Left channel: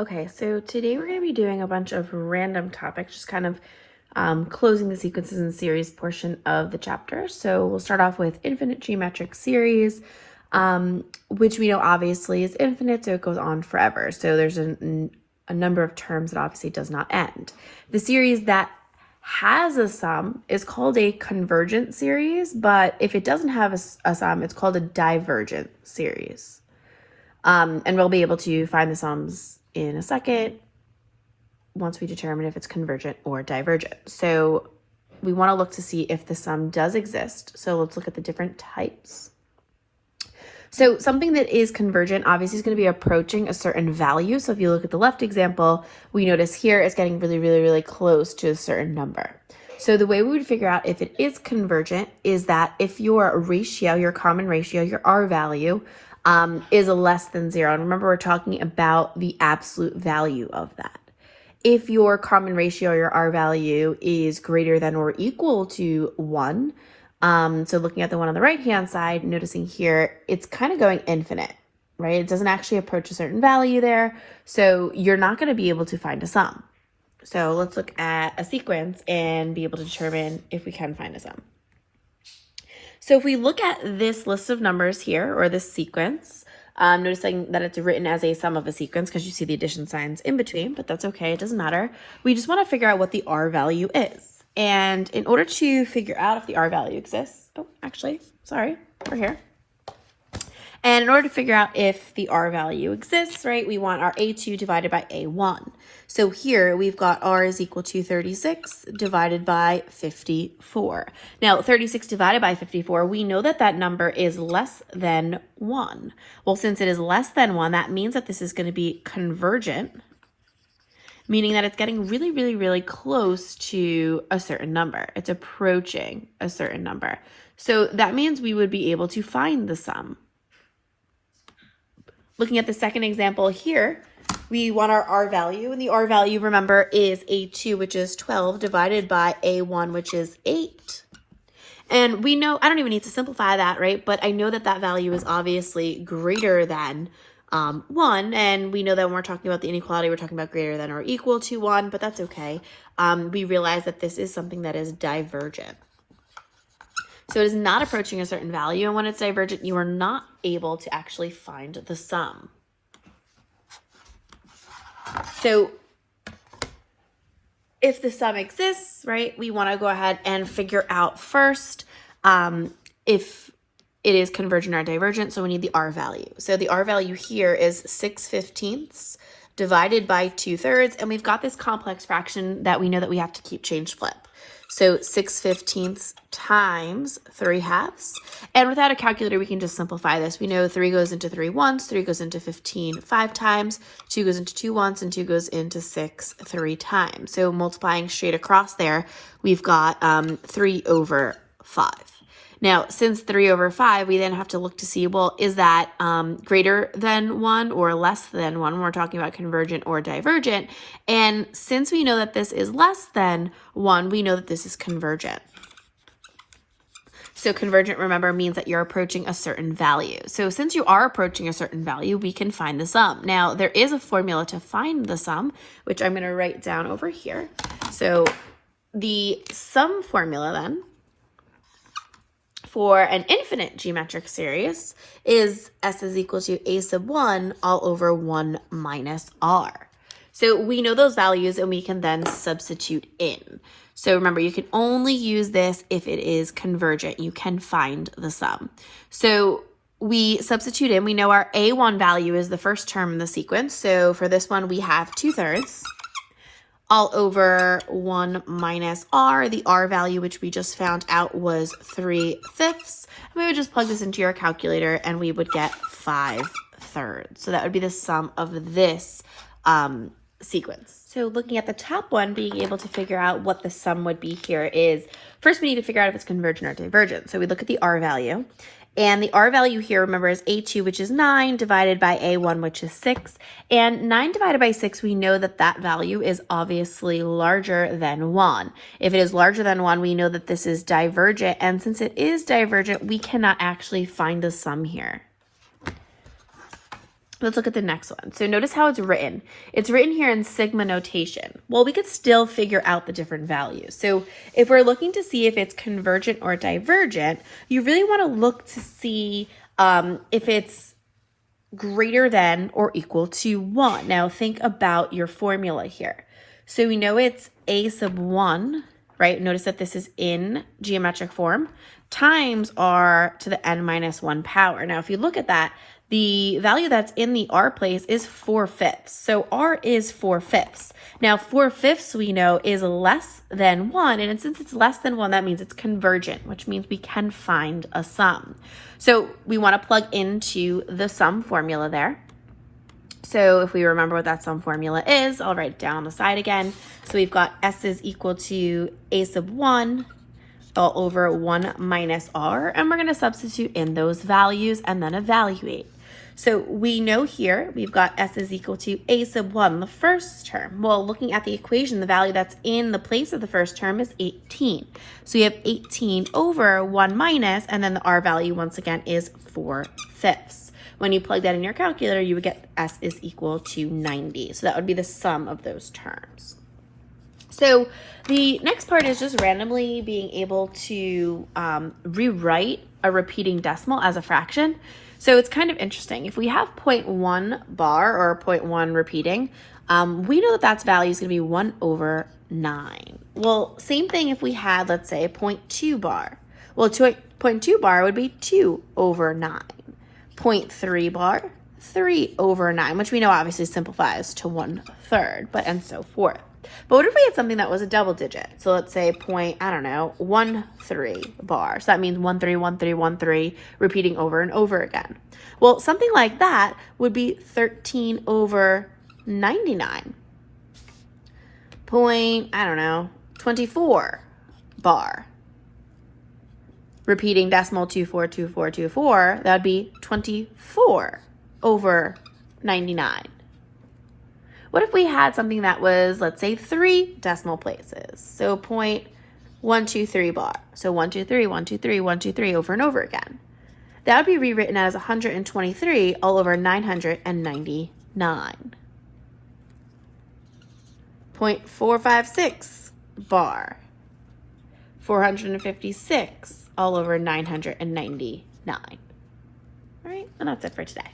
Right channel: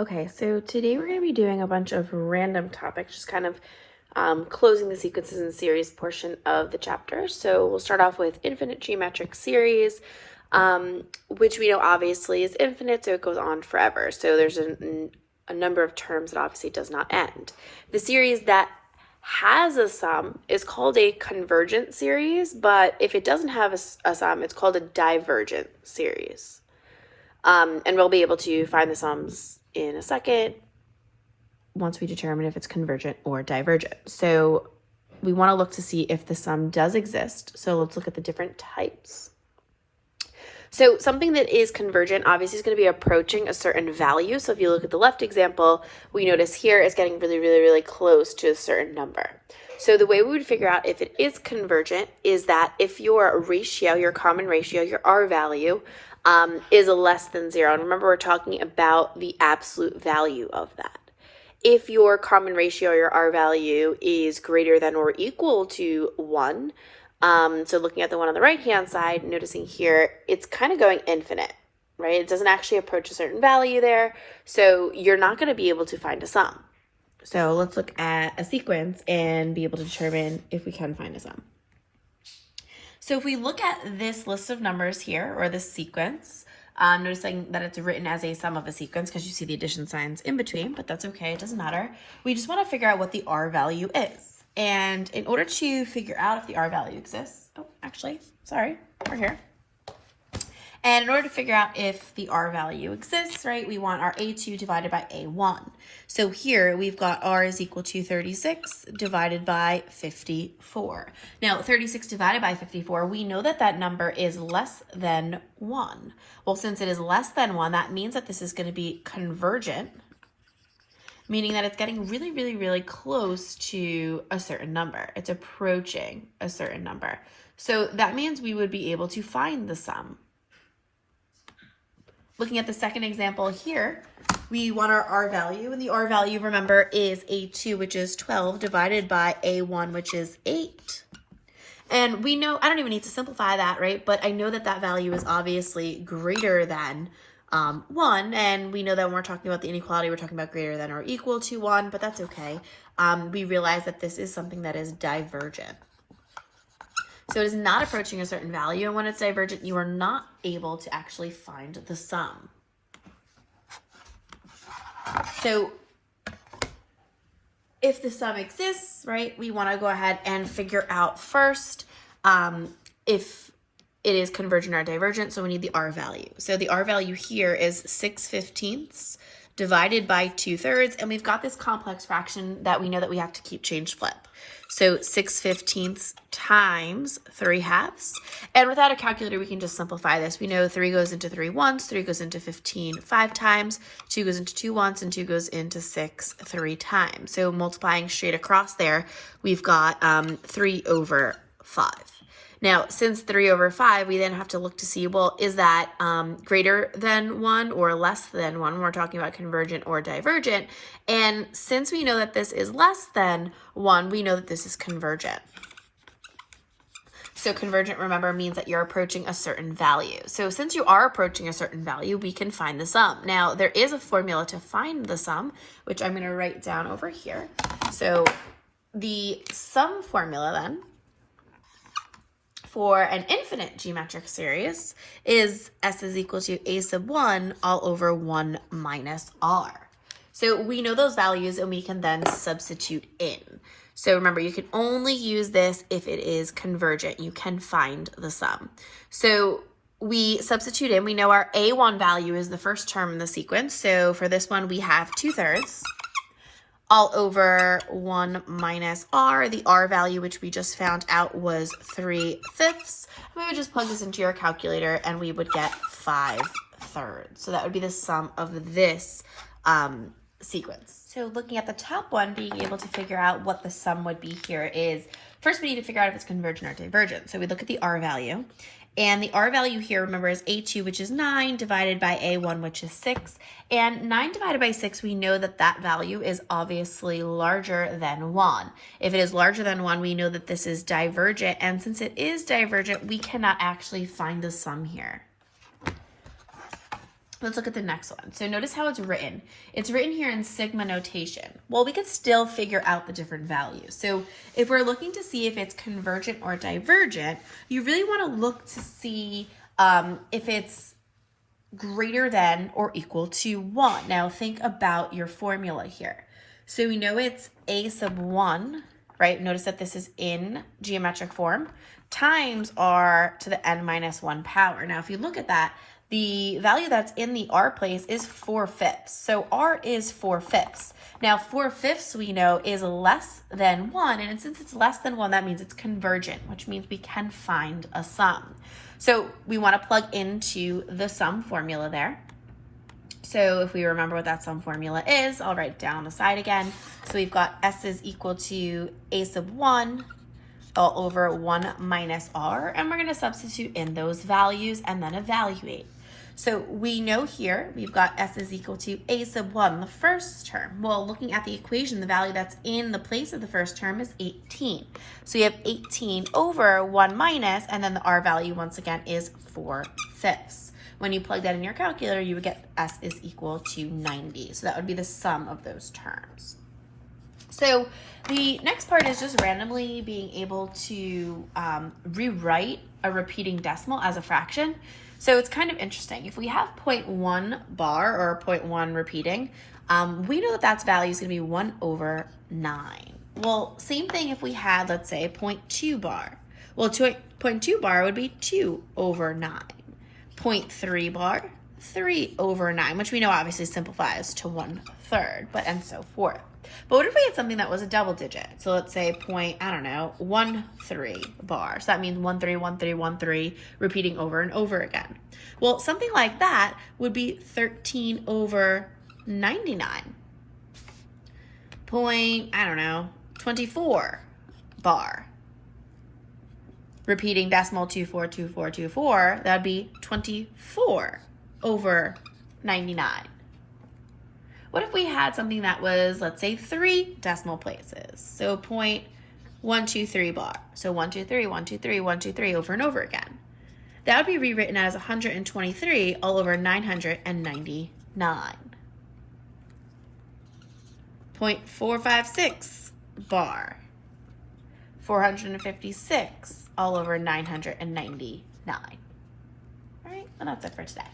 Okay, so today we're going to be doing a bunch of random topics, just kind of closing the sequences and series portion of the chapter. So we'll start off with infinite geometric series, which we know obviously is infinite, so it goes on forever. So there's a number of terms that obviously does not end. The series that has a sum is called a convergent series, but if it doesn't have a sum, it's called a divergent series. And we'll be able to find the sums in a second once we determine if it's convergent or divergent. So we want to look to see if the sum does exist. So let's look at the different types. So something that is convergent obviously is going to be approaching a certain value. So if you look at the left example, we notice here it's getting really close to a certain number. So the way we would figure out if it is convergent is that if your ratio, your common ratio, your R value, is less than 0. And remember, we're talking about the absolute value of that. If your common ratio, your R value, is greater than or equal to 1, so looking at the one on the right-hand side, noticing here, it's kind of going infinite, right? It doesn't actually approach a certain value there, so you're not going to be able to find a sum. So let's look at a sequence and be able to determine if we can find a sum. So if we look at this list of numbers here, or this sequence, noticing that it's written as a sum of a sequence because you see the addition signs in between, but that's okay, it doesn't matter. We just want to figure out what the R value is. And in order to figure out if the R value exists, we're here. And in order to figure out if the R value exists, right, we want our A2 divided by A1. So here we've got R is equal to 36 divided by 54. Now 36 divided by 54, we know that that number is less than 1. Well, since it is less than 1, that means that this is going to be convergent, meaning that it's getting really close to a certain number. It's approaching a certain number. So that means we would be able to find the sum. Looking at the second example here, we want our R value, and the R value, remember, is A2, which is 12, divided by A1, which is 8. And we know, I don't even need to simplify that, right? But I know that that value is obviously greater than 1, and we know that when we're talking about the inequality, we're talking about greater than or equal to 1, but that's okay. We realize that this is something that is divergent. So it is not approaching a certain value, and when it's divergent, you are not able to actually find the sum. So if the sum exists, right, we want to go ahead and figure out first if it is convergent or divergent, so we need the R value. So the R value here is 6/15 divided by 2/3, and we've got this complex fraction that we know that we have to keep change flip. So 6/15 times 3/2. And without a calculator, we can just simplify this. We know 3 goes into 3 once, 3 goes into 15 5 times, 2 goes into 2 once, and 2 goes into 6 3 times. So multiplying straight across there, we've got 3/5. Now, since 3/5, we then have to look to see, well, is that greater than 1 or less than 1 when we're talking about convergent or divergent? And since we know that this is less than 1, we know that this is convergent. So convergent, remember, means that you're approaching a certain value. So since you are approaching a certain value, we can find the sum. Now, there is a formula to find the sum, which I'm going to write down over here. So the sum formula then for an infinite geometric series is S is equal to A sub 1 all over 1 minus R. So we know those values and we can then substitute in. So remember, you can only use this if it is convergent. You can find the sum. So we substitute in, we know our A1 value is the first term in the sequence. So for this one, we have 2/3 all over 1 minus R. The R value, which we just found out, was 3/5. We would just plug this into your calculator and we would get 5/3. So that would be the sum of this sequence. So looking at the top one, being able to figure out what the sum would be here is, first we need to figure out if it's convergent or divergent. So we look at the R value. And the R value here, remember, is A2, which is 9, divided by A1, which is 6. And 9 divided by 6, we know that that value is obviously larger than 1. If it is larger than 1, we know that this is divergent. And since it is divergent, we cannot actually find the sum here. Let's look at the next one. So notice how it's written. It's written here in sigma notation. Well, we could still figure out the different values. So if we're looking to see if it's convergent or divergent, you really want to look to see if it's greater than or equal to 1. Now think about your formula here. So we know it's a sub 1, right? Notice that this is in geometric form, times r to the n minus 1 power. Now if you look at that, the value that's in the r place is 4/5. So r is 4/5. Now 4/5 we know is less than 1, and since it's less than 1, that means it's convergent, which means we can find a sum. So we want to plug into the sum formula there. So if we remember what that sum formula is, I'll write it down on the side again. So we've got s is equal to a sub 1 all over 1 minus r, and we're going to substitute in those values and then evaluate. So we know here we've got s is equal to a sub 1, the first term. Well, looking at the equation, the value that's in the place of the first term is 18. So you have 18 over 1 minus, and then the r value once again is 4/5. When you plug that in your calculator, you would get s is equal to 90. So that would be the sum of those terms. So the next part is just randomly being able to rewrite a repeating decimal as a fraction. So it's kind of interesting. If we have 0.1 bar or 0.1 repeating, we know that that's value is going to be 1 over 9. Well, same thing if we had, let's say, 0.2 bar. Well, 0.2 bar would be 2 over 9. 0.3 bar, 3 over 9, which we know obviously simplifies to 1/3, but and so forth. But what if we had something that was a double digit? So let's say 0.13 bar. So that means 13, 13, 13, repeating over and over again. Well, something like that would be 13 over 99. 24 bar. Repeating decimal 242424, that would be 24 over 99. What if we had something that was, let's say, 3 decimal places? So 0.123 bar. So 123, 123, 123 over and over again. That would be rewritten as 123 all over 999. 0.456 bar. 456 all over 999. All right, and that's it for today.